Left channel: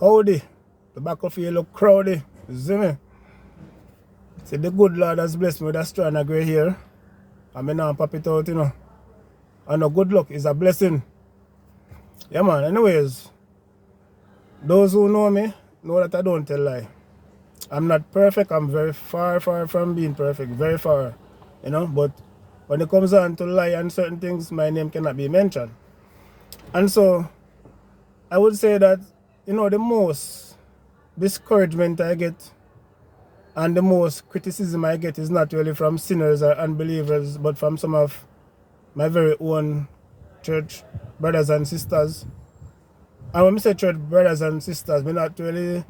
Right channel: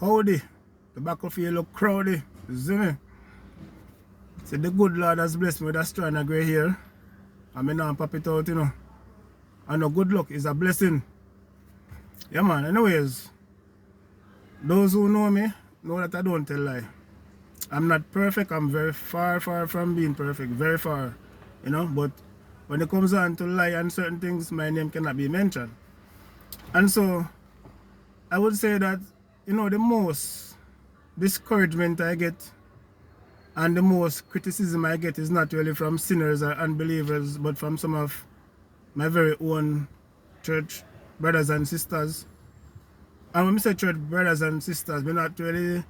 Howdy. The battlefield look crowdy. You see me? See, the good Lord has blessed me with a strand of grey hair. I mean, now pop it out, you know. And a good luck is a blessing. Yeah, man. Anyways, those who know me know that I don't tell lie. I'm not perfect. I'm very far from being perfect. Very far. You know, but when it comes on to lie and certain things, my name cannot be mentioned. And so, I would say that, you know, the most discouragement I get and the most criticism I get is not really from sinners or unbelievers, but from some of my very own church brothers and sisters. And when I say church brothers and sisters, we're not really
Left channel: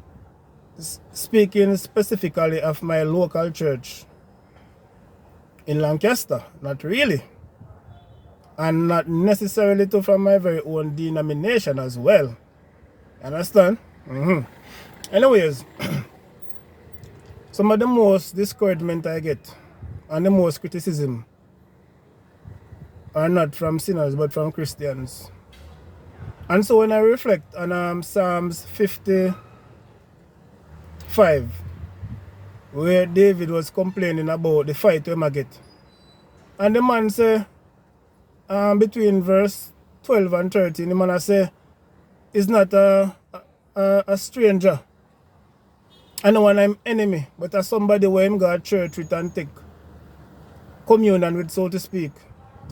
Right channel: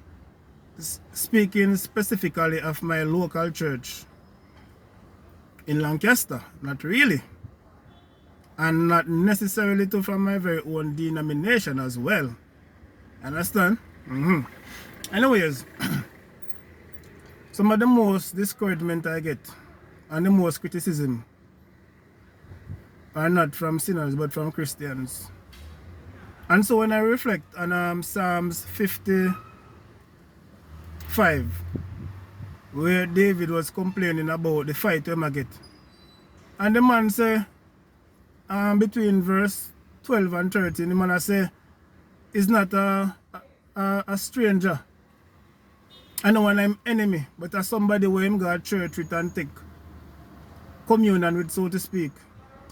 speaking specifically of my local church in Lancaster. Not really. And not necessarily to from my very own denomination as well. Understand? Anyways, some of the most discouragement I get and the most criticism are not from sinners but from Christians. And so when I reflect on Psalms 55, where David was complaining about the fight we might get, and the man say, between verse 12 and 13, the man say, is not a stranger. I know when I'm enemy, but as somebody where him go to church with and take communion with, so to speak.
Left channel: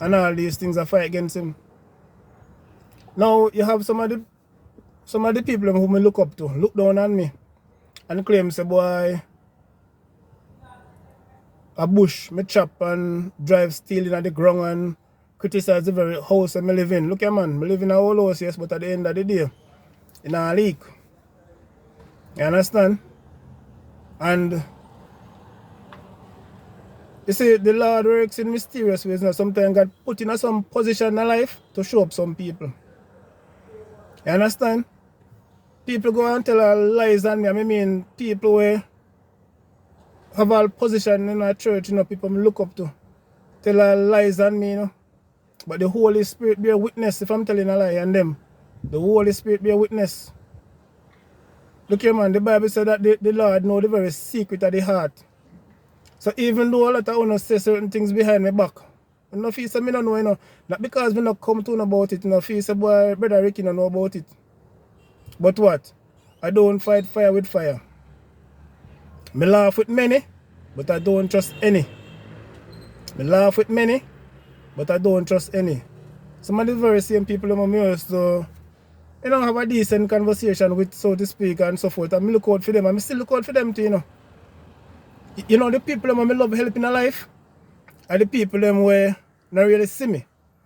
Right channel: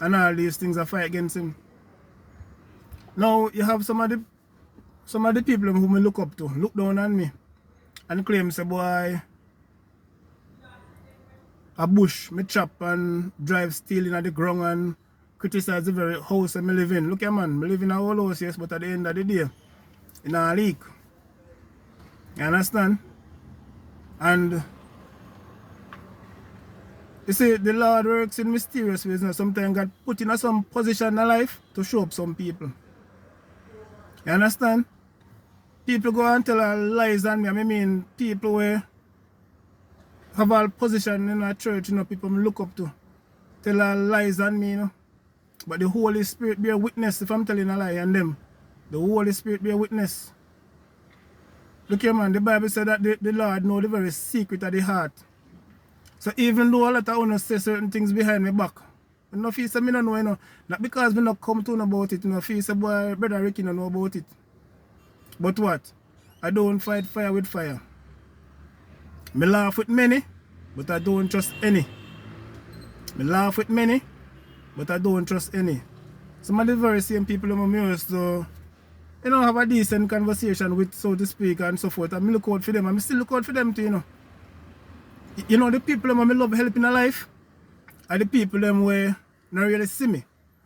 And all these things are fight against him. Now you have some of the people whom I look up to, look down on me and claim say, boy, a bush me chop and drive steel in the ground and criticize the very house I live in. Look here, man, I live in a whole house, yes, but at the end of the day, in a leak. You understand? And you see, the Lord works in mysterious ways. Now, sometimes God put in some position in life to show up some people. You understand? People go and tell lies on me. I mean, people where have all position in a church, you know, people me look up to. Tell lies on me, you know. But the Holy Spirit bear witness if I'm telling a lie on them. The Holy Spirit bear witness. Look here, man, the Bible said that the Lord know the very secret of the heart. So even though a lot of others say certain things behind my back, I don't feel say me don't know, you know. Not because me not come to know about it, you know, feel say boy, brother Ricky don't know about it. But what? I don't fight fire with fire. Me laugh with many, but I don't trust any. Me laugh with many, but I don't trust any. Some of the very same people who used to, you know, have a decent conversation with, so to speak, and so forth. And me look out for them, and I still look out for them too, you know. You know, the people who I love helping in life are the people them where not really see me.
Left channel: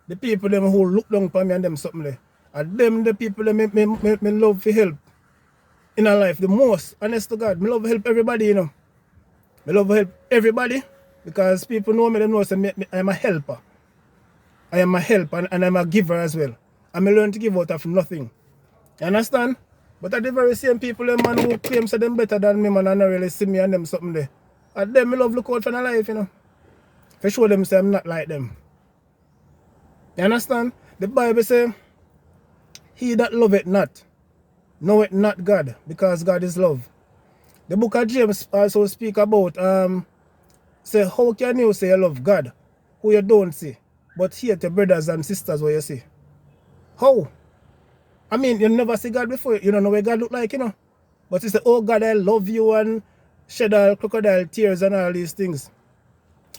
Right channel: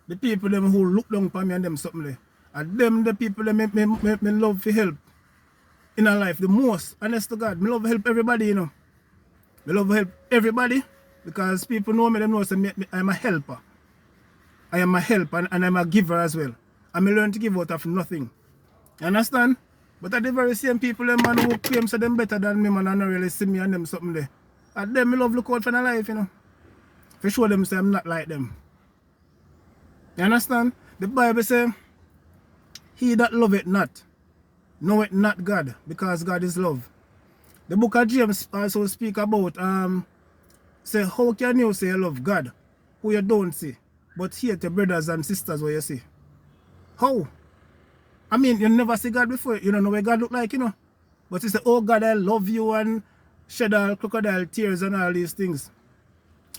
The people them who look down upon me and them something like. And them the people that me love to help in a life the most. Honest to God, me love to help everybody, you know. Me love to help everybody because people know me, they know say I'm a helper. I am a helper and I'm a giver as well. And I learn to give out of nothing. You understand? But at the very same people, them man who claim say them better than me, man, and not really see me and them something there. At them, me love look out for their life, you know. For show them say I'm not like them. You understand? The Bible say, he that loveth not, knoweth not God, because God is love. The book of James also speak about, say, how can you say you love God, who you don't see, but hate your brothers and sisters where you see? How? I mean, you never see God before, you don't know what God look like, you know. But you say, oh God, I love you, and shed all crocodile tears and all these things.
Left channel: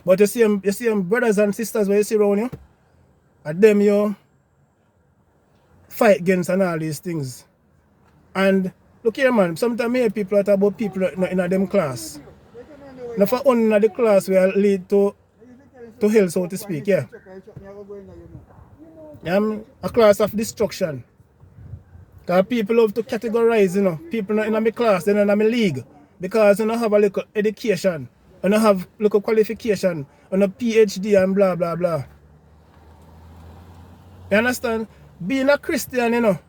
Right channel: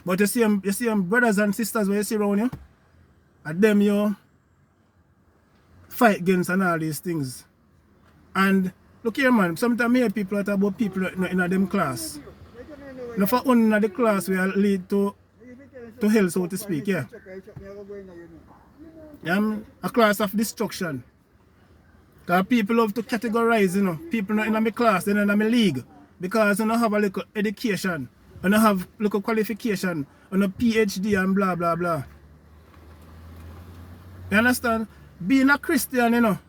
But you see them brothers and sisters where you see around you, and them you fight against and all these things. And look here, man, sometimes I hear people talk about people in them class. Now for one of the class will lead to hell, so to speak, yeah. A class of destruction. Because people love to categorize, you know, people in my class, then in my league. Because you know, have a little education, and I have little qualification, and a PhD and blah blah blah. You understand? Being a Christian, you know,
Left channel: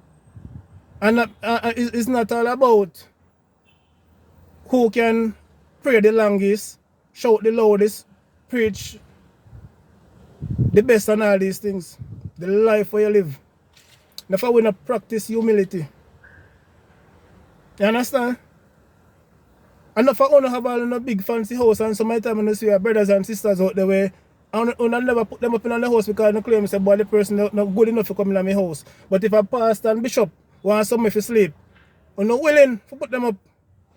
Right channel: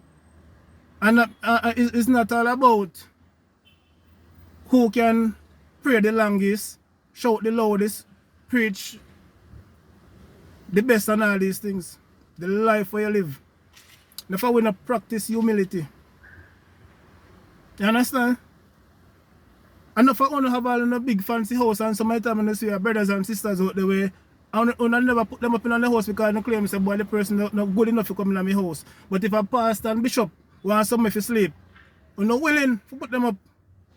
and it's not all about who can pray the longest, shout the loudest, preach the best and all these things. The life where you live. If I will not practice humility, You understand? And if I only have all in a big fancy house and some of the time when you see your brothers and sisters out the way, and I never put them up in the house because I claim say boy the person not good enough to come in my house. But if a pastor and bishop want somebody to sleep, I'm not willing to put them up.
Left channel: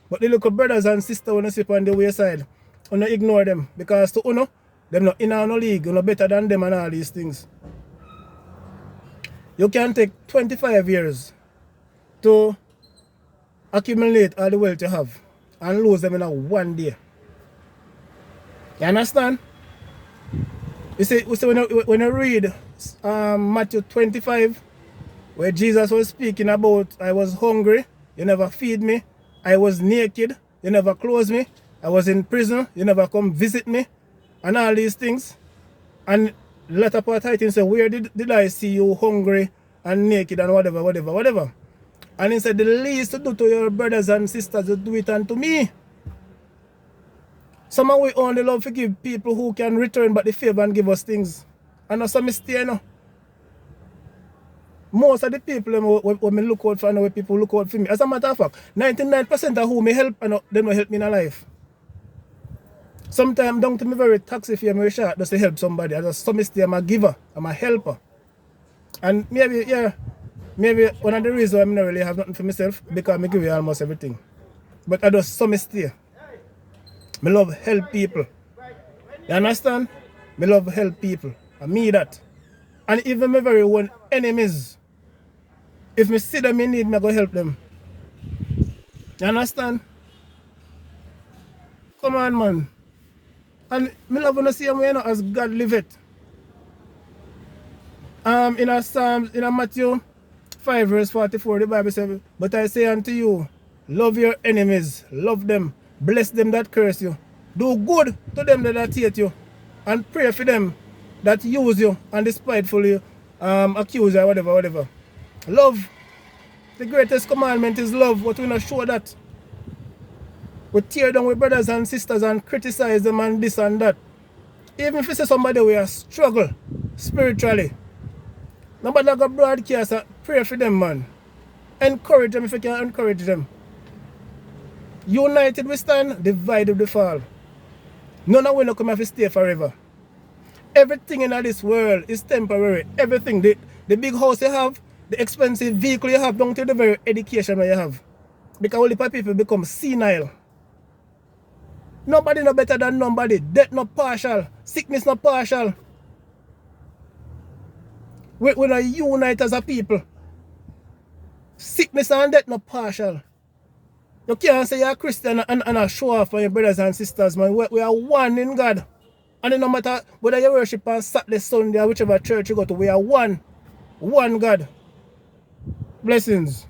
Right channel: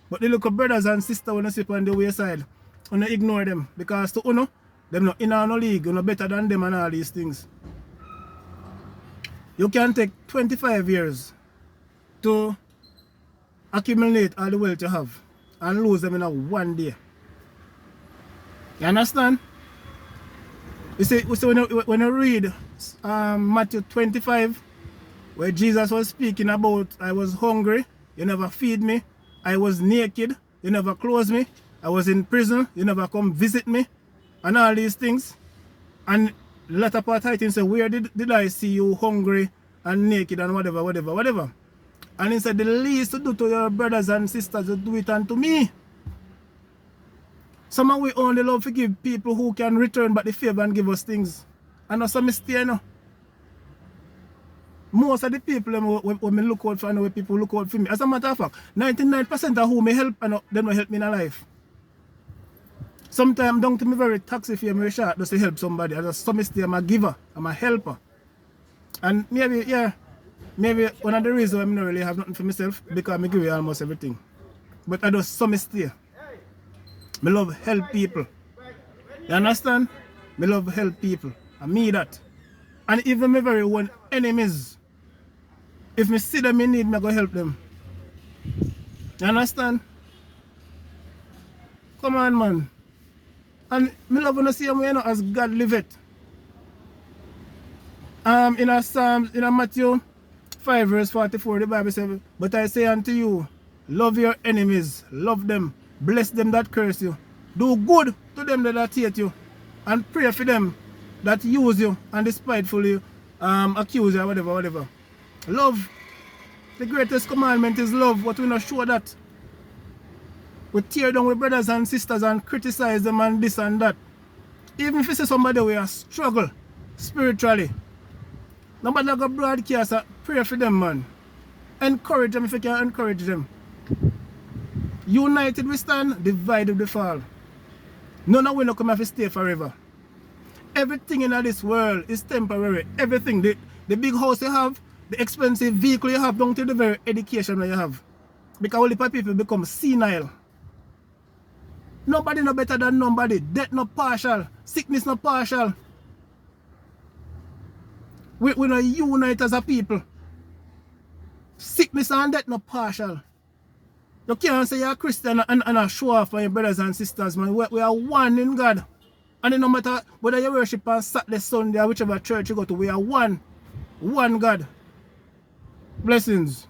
But the little brothers and sisters when you sleep on the wayside, you ignore them because to them not in our league, you better than them and all these things. You can take 25 years to accumulate all the wealth you have and lose them in a one day. You understand? You see when you read Matthew 25, where Jesus was speaking about, I was hungry, you never feed me. I was naked, you never clothe me. I was in prison, you never come visit me. And all these things. And latter part I think say, where did I see you hungry and naked and whatever. And he said, the least to do to your brothers and sisters, to do it unto me. Some of we only love to give people who can return back the favor and give us things. And that's a mistake, you know. Most of the people when me look out for, and when people look out for me. As a matter of fact, 99% of who me help, and they don't help me in life. Sometimes down to me very taxi fare me short just to help somebody. As a mistake, I'm a giver, I'm a helper. And maybe one of the reasons why I don't really have nothing for myself, because I give you almost everything. But I just some mistake. I love help people. You understand? I love help people. I mean that. And even my very own enemies, if me see them in need, I go help them. You understand? Come on, man. And I love to see them, you know, as God live it. In a Psalm, in a Matthew 5 verse 44, the Bible says, but I say unto you, love your enemies, love them, bless them that curse you, do good to them that hate you, and pray for them that use you and despitefully accuse you, whatever. Love. The greatest commandment is love, but we not show that. We tear down with brothers and sisters and criticize them and this and that. Even if you see somebody we are struggle spiritually, nobody got broadcast, pray for them, man. Encourage them if you can encourage them. United we stand, divided we fall. None of we not come have to stay forever. Everything in this world is temporary. Everything, the big house you have, the expensive vehicle you have, down to the very education that you have. Because only people become senile. Nobody no better than nobody. Death not partial. Sickness not partial. We not unite as a people. Sickness and death not partial. You can't say you're a Christian and show off for your brothers and sisters, man. We are one in God. And no matter whether you worship on Saturday, Sunday, or whichever church you go to, we are one. One God. Blessings.